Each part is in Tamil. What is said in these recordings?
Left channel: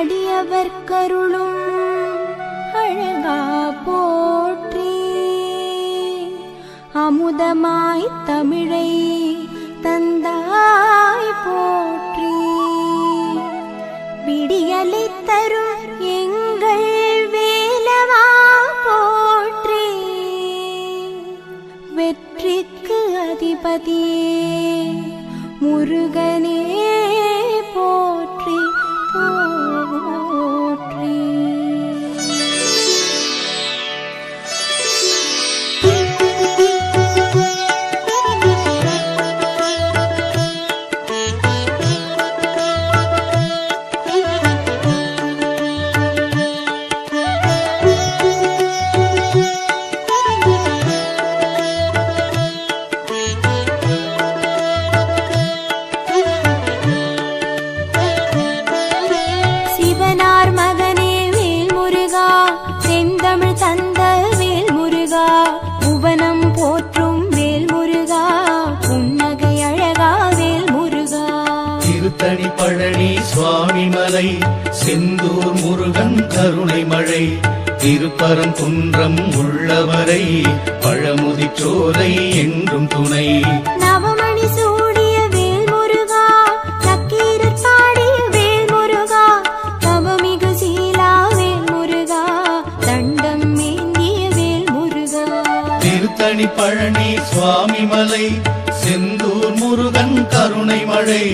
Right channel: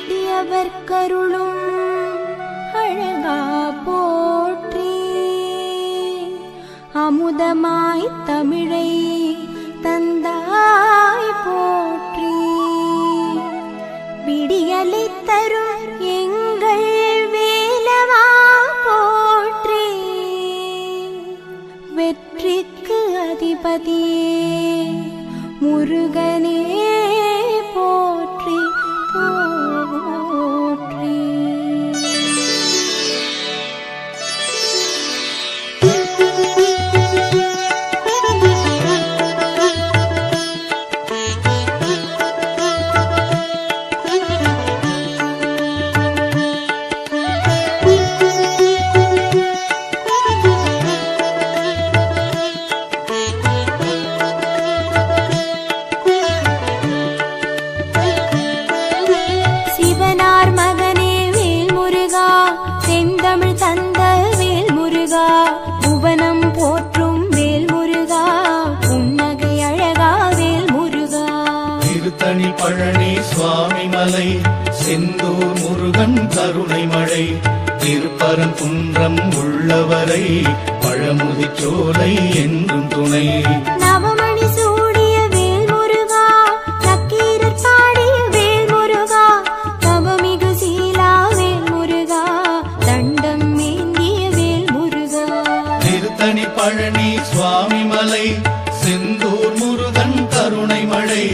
அடியவர் கருளும் அழகா போற்றி. அமுதமாய் தமிழை தந்தாய் போற்றி. விடியலை தரும் எங்கள் வேலவா போற்றி. வெற்றிக்கு அதிபதியே முருகனே. முருகன் கருணை மழை திருப்பரங்குன்றம் உள்ளவரை பழமுதி சோலை என்றும் துணை. நவமணி சூடிய வேல் முருகா நக்கீரர் பாடிய வேல் முருகா தவமிகு சீலா வேல் முருகா தண்டம் ஏந்திய வேல் முருகா திருத்தணி பழனி சுவாமி மலை செந்தூர் முருகன் கருணை மழை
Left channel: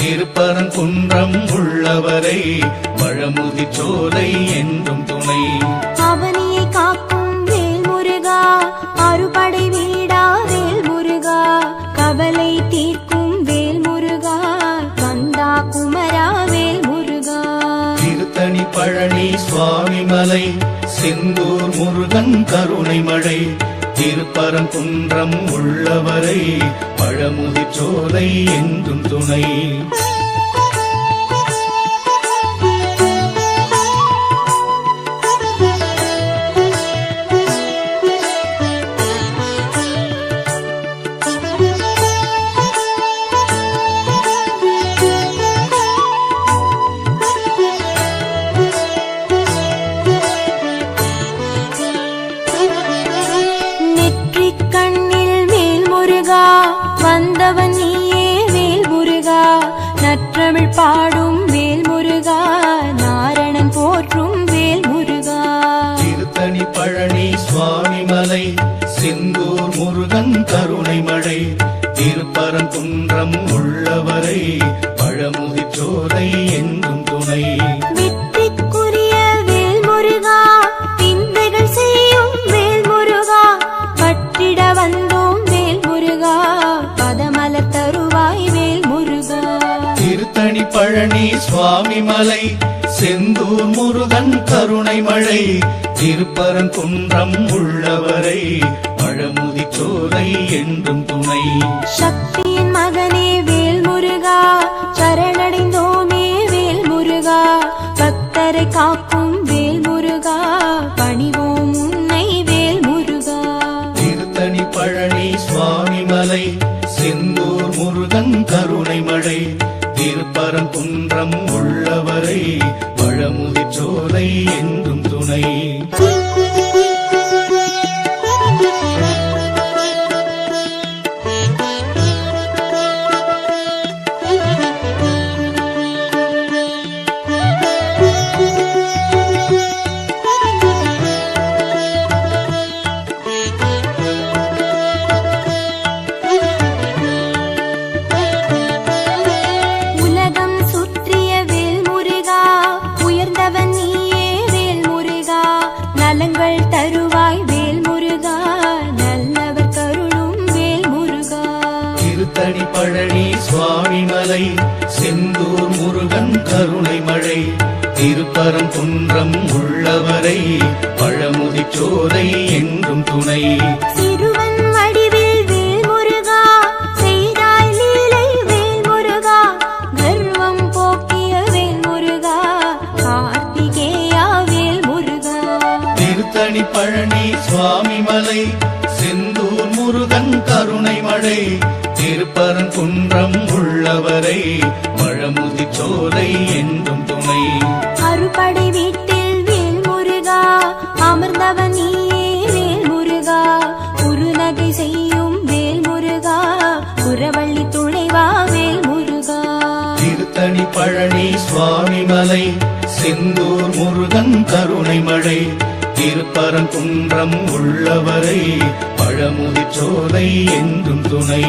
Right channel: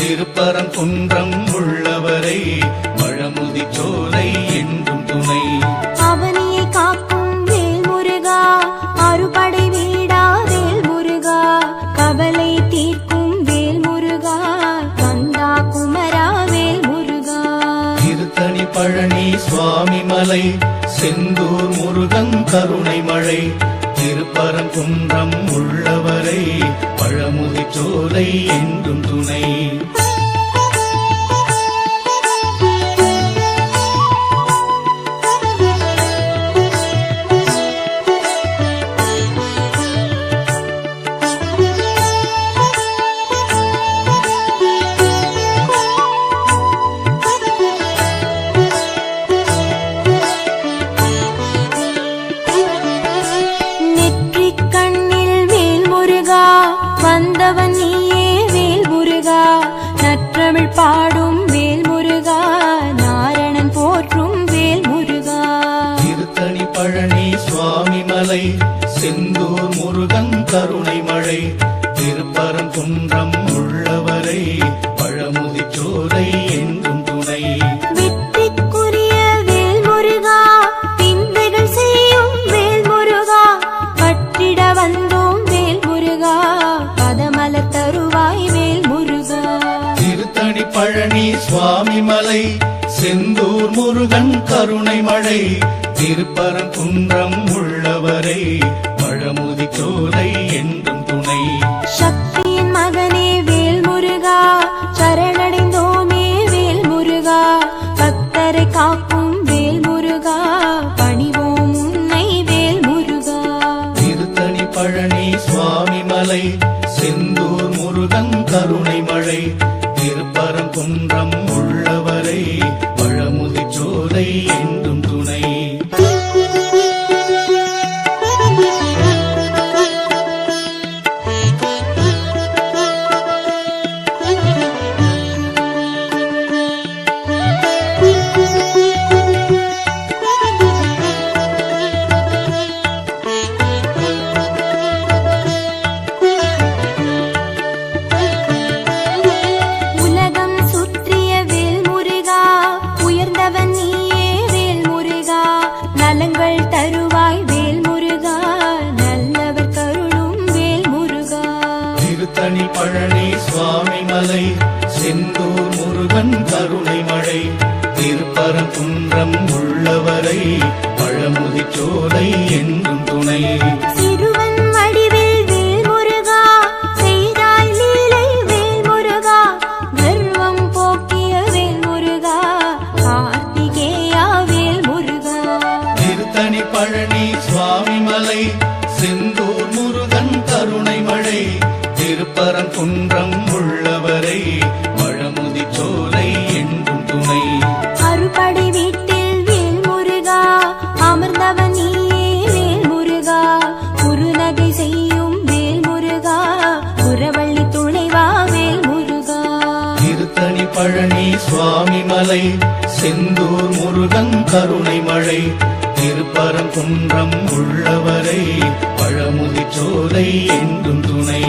திருப்பரங்குன்றம் உள்ளவரை சுவாமி மலை செந்தூர் முருகன் கருணை மழை. திருப்பரங்குன்றம் உள்ளவரை பழமுதி சோலை என்றும் துணை. முருகா வந்தவன் நீயே வேல் முருகா. நற்றமிழ் பாடும் வேல் முருகா நாரணன் போற்றும் வேல் முருகா. திருத்தணி பழனி சுவாமி மலை செந்தூர் முருகன் கருணை மழை பழனி சுவாமி மலை செந்தூர் முருகன் கருணை மழை திருப்பரங்குன்றம் உள்ளவரை பழமுதி சோலை என்றும் துணை. சக்தியின் மகனே வேல் முருகா சரணடைந்தோமே வேல் முருகா பக்தரை காக்கும் திருப்பரங்குன்றம் உள்ளவரை பழமுதிச்சோலை என்றும் துணை. துணைவாவேல் முருகா. திருத்தணி பழனி சுவாமி மலை செந்தூர் முருகன் கருணை மழை. திருப்பரங்குன்றம் உள்ளவரை பழமுதிச்சோலை என்றும் துணை.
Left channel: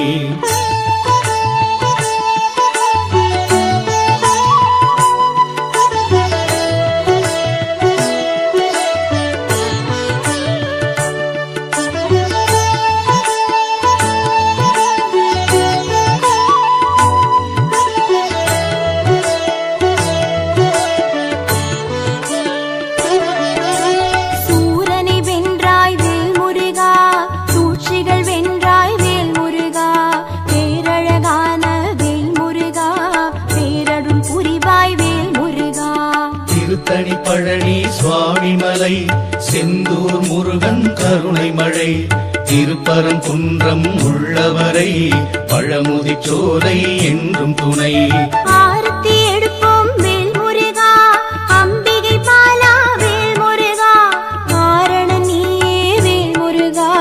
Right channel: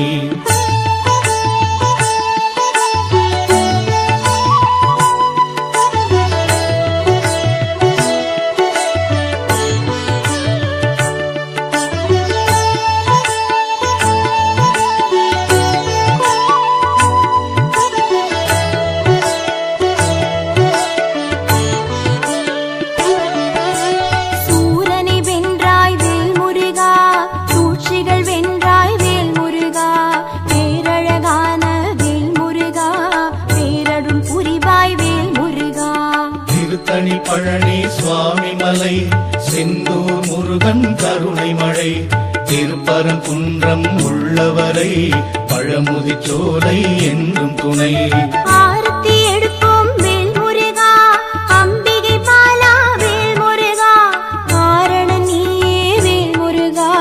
மலை செந்தூர் முருகன் கருணை மழை. திருப்பரங்குன்றம் உள்ளவரை பழமுதி சோலை என்றும் துணை. ஆரத்தி எடுப்போம் வேல் முருகா அம்பிகை பாலா வேல் முருகா காரண நீயே வேல் முருகா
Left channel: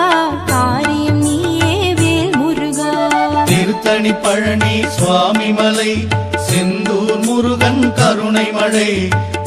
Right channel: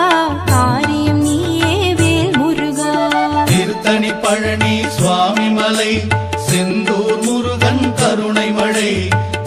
காரியம் நீயே வேல் முருகா திருத்தணி பழனி சுவாமி மலை செந்தூர் முருகன் கருணை மழை.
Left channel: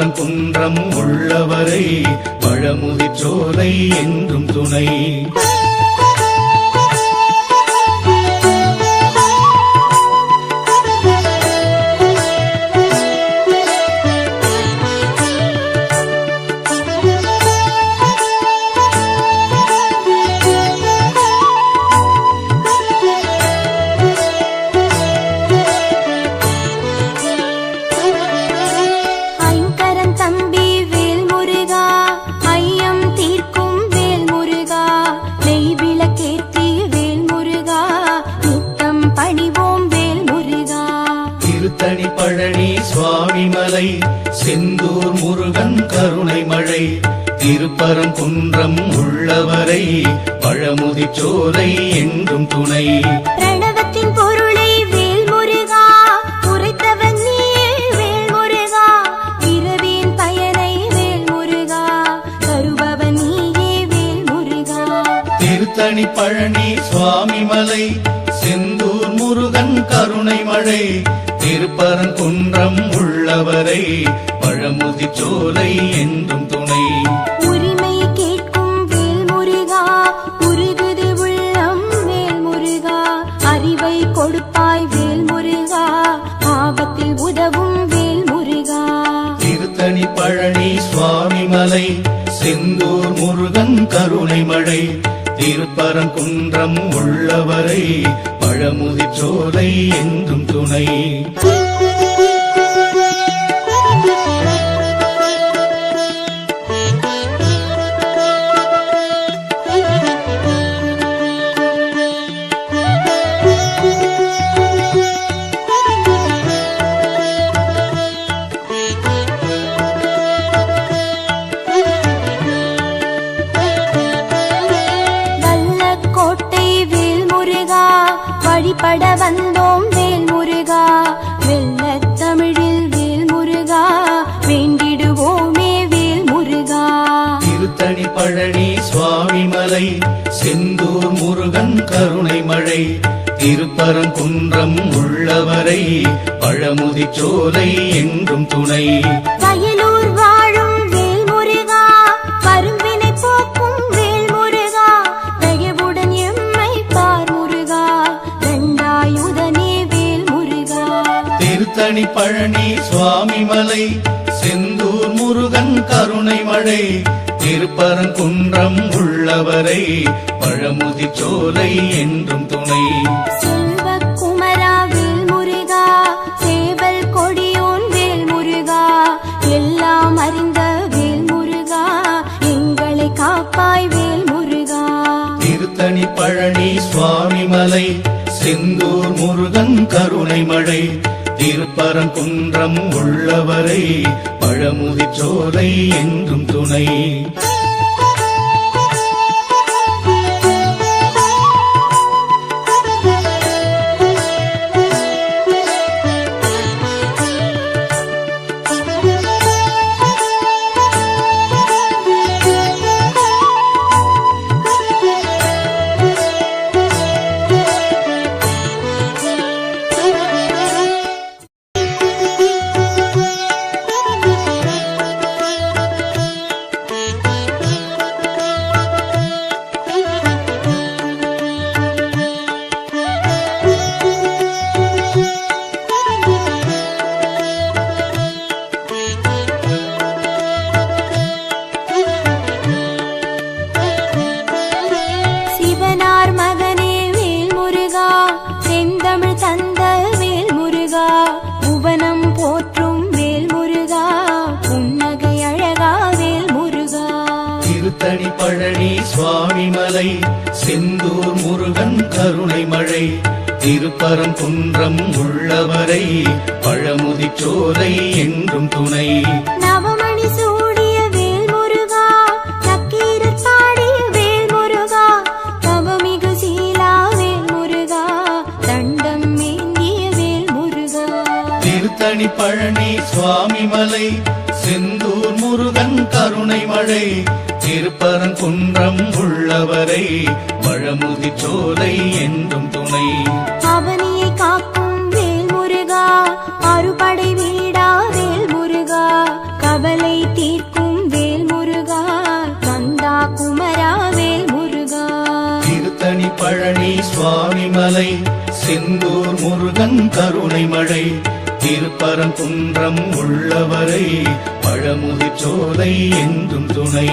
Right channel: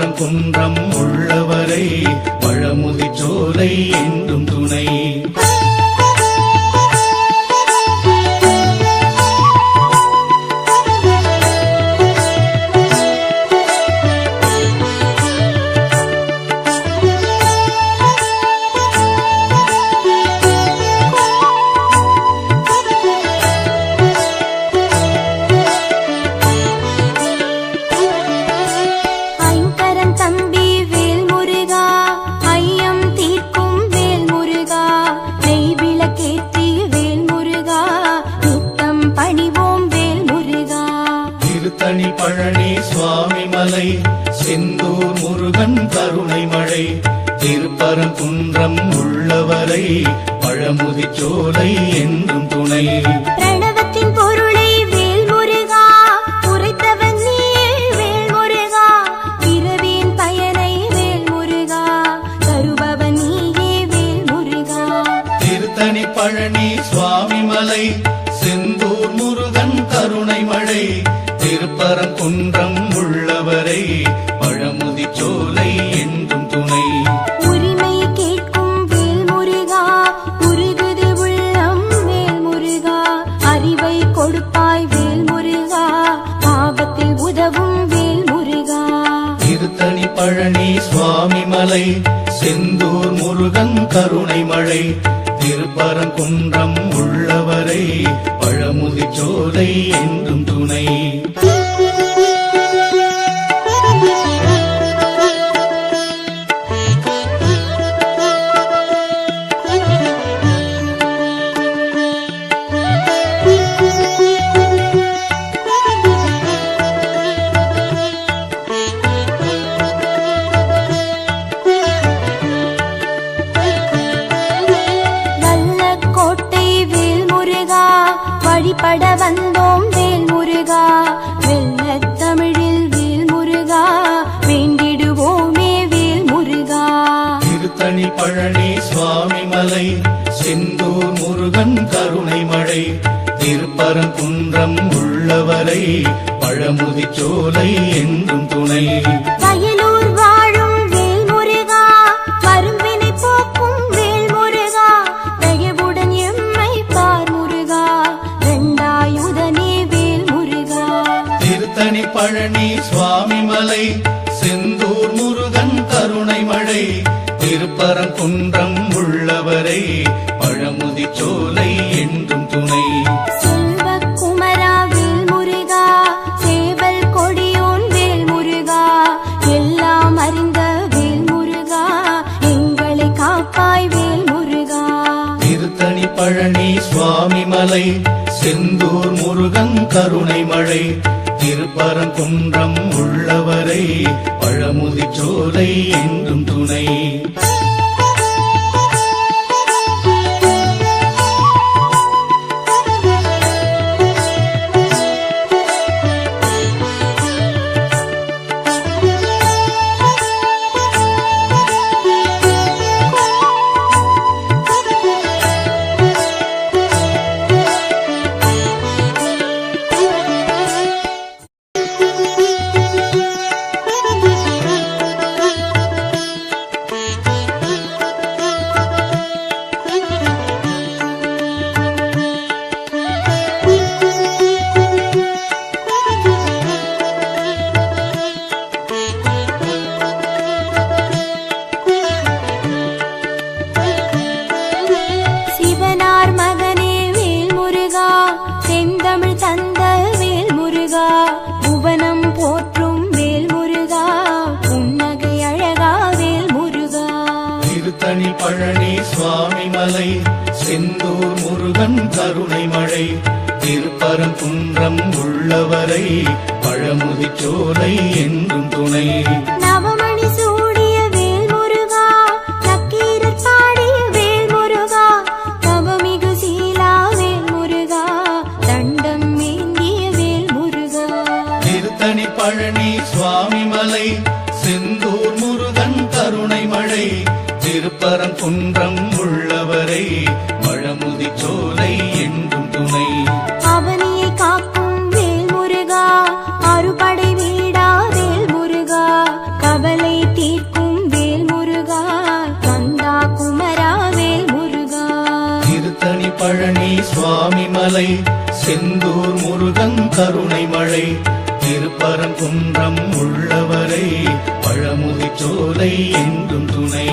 திருப்பரங்குன்றம் உள்ளவரை பழமுதிச்சோலை என்றும் துணை. சோலை என்றும் துணை. பிரணவத்தின் பொருளை வேல் முருகா உரைத்தவன் நீயே வேல் முருகா பிறவியின் பயனை வேல் முருகா தருபவன் நீயே வேல் முருகா திருத்தணி பழனி சுவாமி மலை செந்தூர் முருகன் கருணை மழை திருத்தணி பழனி சுவாமி மலை செந்தூர் முருகன் கருணை மழை திருப்பரங்குன்றம் உள்ளவரை பழமுதி சோலை என்றும் துணை. வழிபட வந்தோம் வேல் முருகா வெள்ள தமிழில் வேல் முருகா வேண்டிடுவோமே வேல் முருகா திருத்தணி பழனி சுவாமி மலை செந்தூர் முருகன் கருணை மழை திருப்பரங்குன்றம் உள்ளவரை பழமுதி சோலை என்றும் துணை. வயலூர் மலை செந்தூர் முருகன் கருணை மழை. திருப்பரங்குன்றம் உள்ளவரை பழமுதி சோலை என்றும் துணை. செல்வ குமரா வேல் முருகா சேவல் கொடியோன் வேல் முருகா எல்லாம் அறிந்த வேல் முருகா எங்களை காப்பாய் வேல் முருகா. திருத்தணி பழனி சுவாமி மலை செந்தூர் முருகன் கருணை மழை குன்றம் உள்ளவரை பழமுதி சோலை என்றும் துணை. செந்தமிழ் தந்த வேல் முருகா புவனம் போற்றும் வேல் முருகா புன்னகை அழகா வேல் முருகா திருத்தணி பழனி சுவாமி மலை செந்தூர் முருகன் கருணை மழை திருப்பரம் குன்றம் உள்ளவரை பழமுதி சோலை என்றும் துணை. நவமணி கருணை மழை திருப்பரம் குன்றம் உள்ளவரை பழமுதி சோலை என்றும் துணை. அவனியை காக்கும் வேல் முருகா அறுபடை வீடா வேல் முருகா கவலை தீர்க்கும் வேல் முருகா கந்தா குமரா வேல் முருகா திருத்தணி பழனி சுவாமி மலை சோலை என்றும் துணை.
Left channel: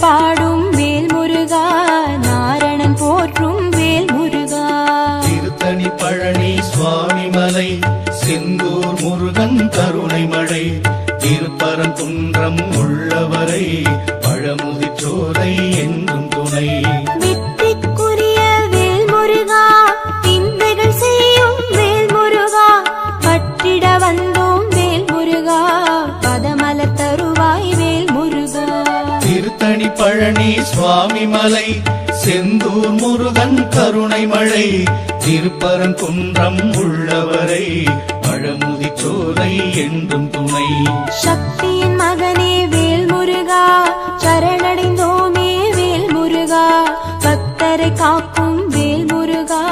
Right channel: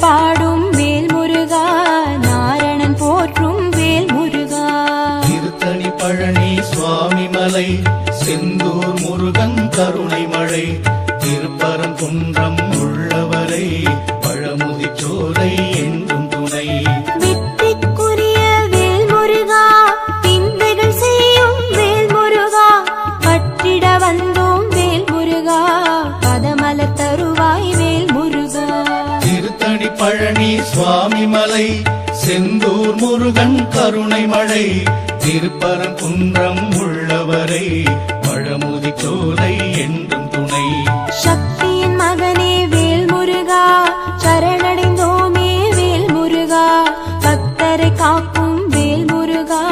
பாடும் வேல் முருகா நாரணன் போற்றும் வேல் முருகா திருத்தணி பழனி சுவாமி மலை செந்தூர் முருகன் கருணை மழை திருப்பரங்குன்றம் உள்ளவரை பழமுதி சோலை என்றும் துணை. மலை செந்தூர் முருகன் கருணை மழை திருப்பரம் குன்றம் உள்ளவரை பழமுதி சோலை என்றும் துணை. சக்தியின் மகனே வேல் முருகா சரணடைந்தோமே வேல் முருகா பக்தரை காக்கும் வேல் முருகா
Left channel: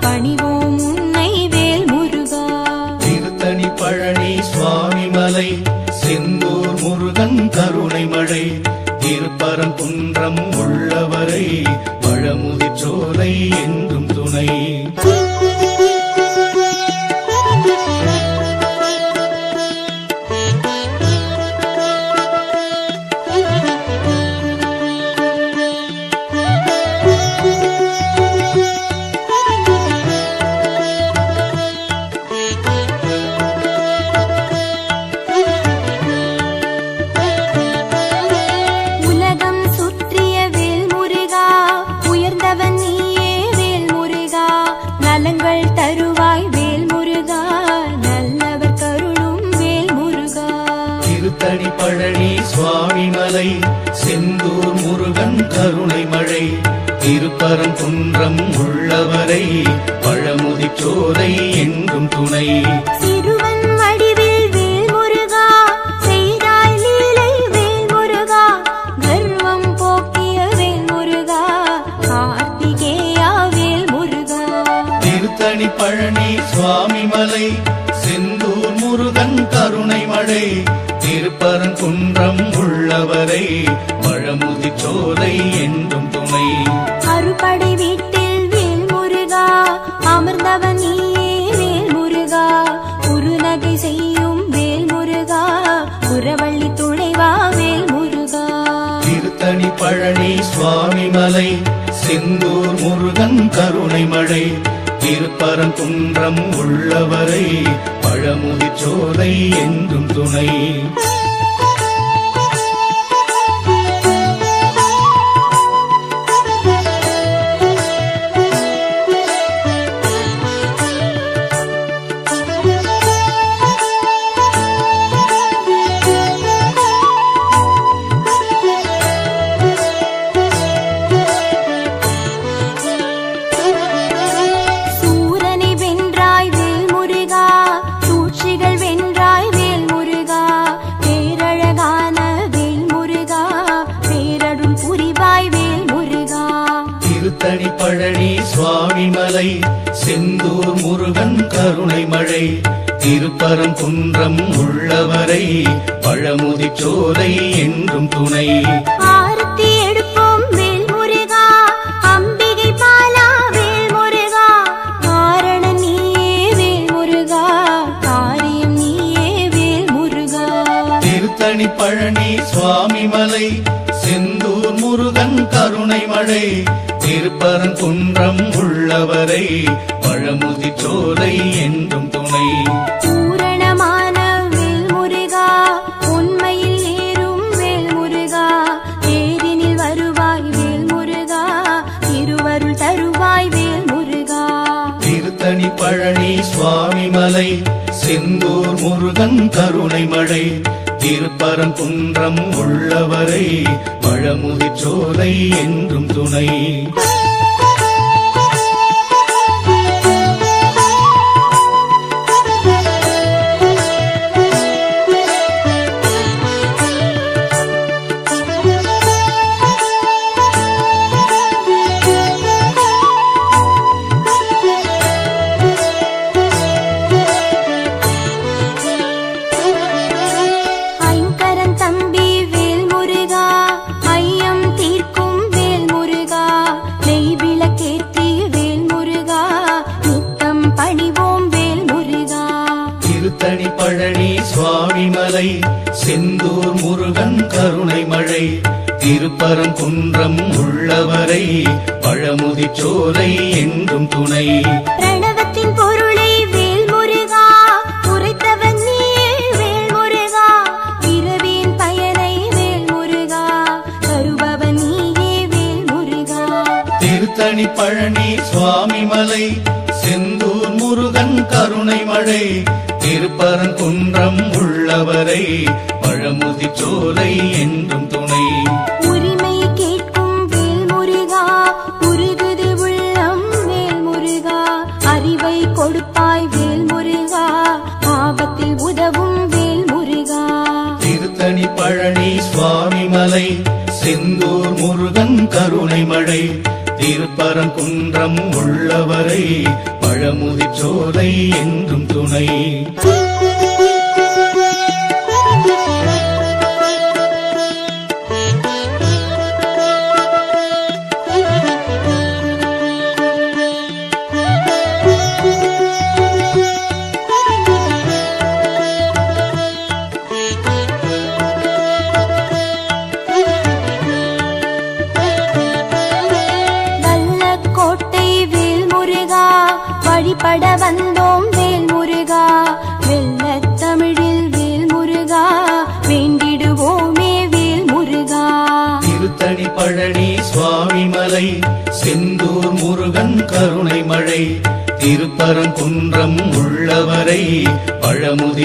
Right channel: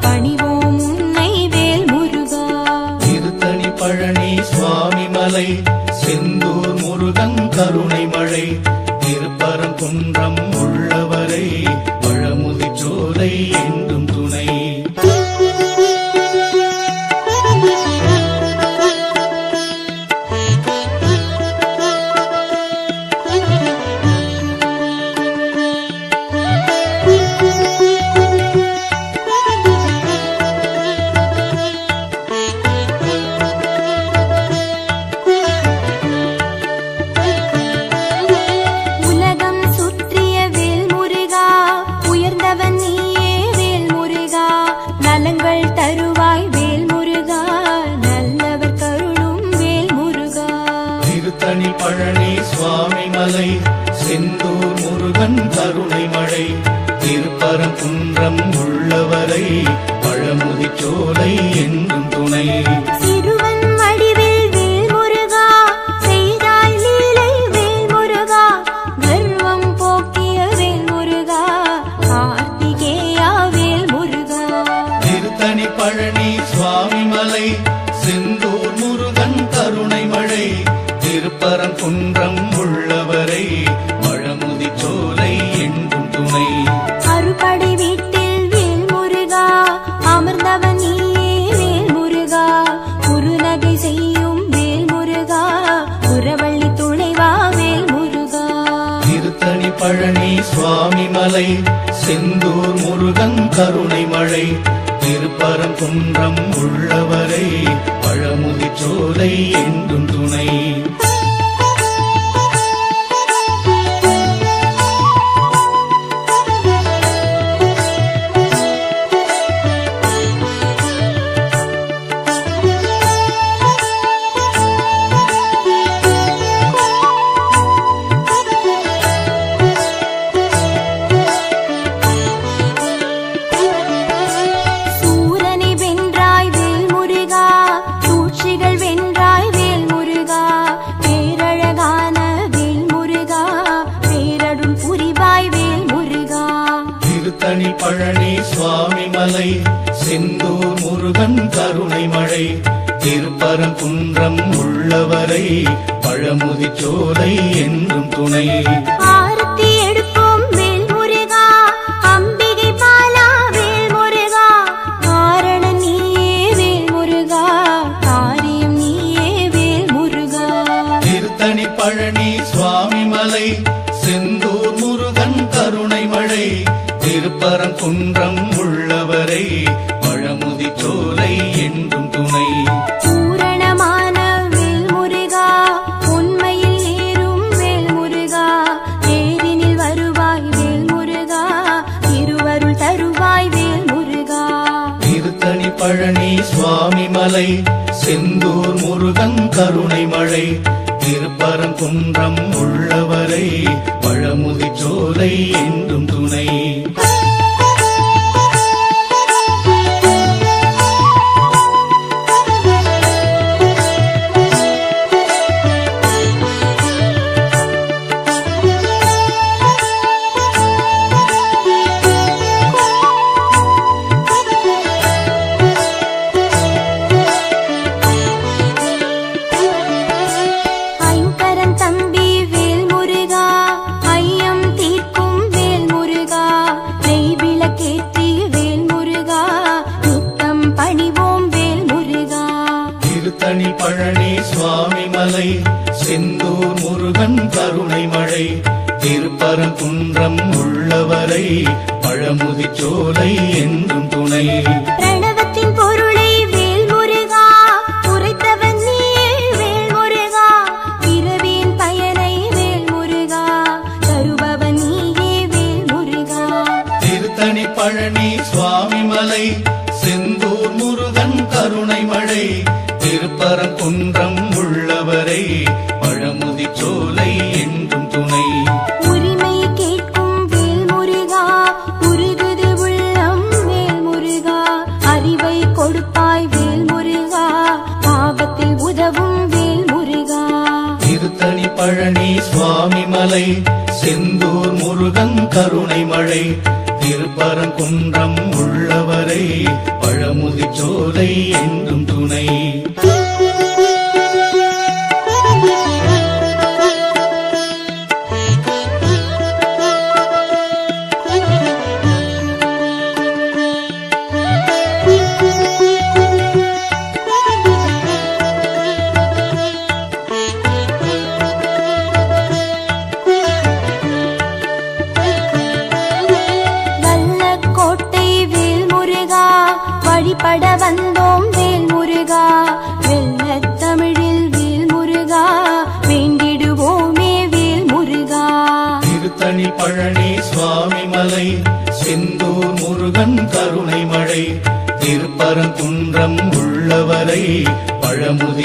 பணிவோம் உன்னை வேல் முருகா திருத்தணி பழனி சுவாமி மலை என்றும் குன்றம் உள்ளவரை பழமுதி சோலை என்றும் துணை. கருணை மழை திருப்பரங்குன்றம் உள்ளவரை பழமுதிச்சோலை என்றும் துணை. குன்றம் உள்ளவரை பழமுதி சோலை என்றும் துணை. பிரணவத்தின் பொருளை வேல் முருகா உரைத்தவன் நீ வேல் முருகா இரவின் பயனை வேல் முருகா தருபவன் நீயே வேல் முருகா திருத்தணி பழனி சுவாமி மலை உள்ளவரை தீர்ப்பரங்குன்றம் உள்ளவரை பழமுதிச்சோலை என்றும் துணை.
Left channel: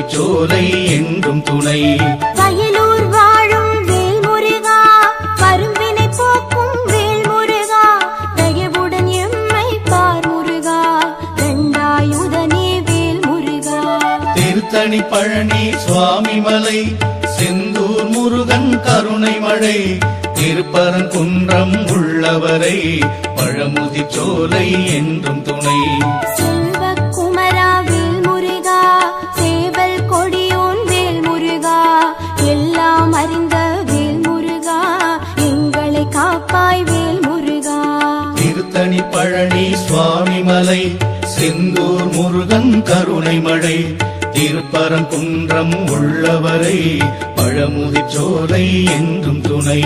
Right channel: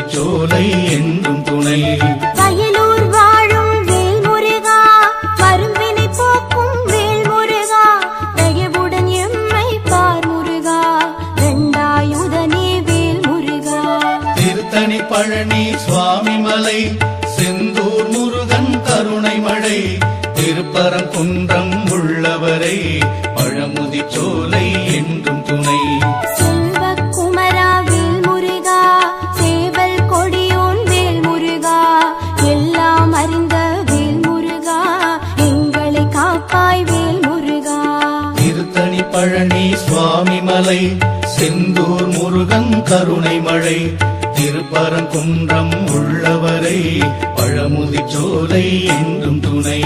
சோலை என்றும் துணை உள்ளவரை பழமுதிச்சோலை என்றும் துணை.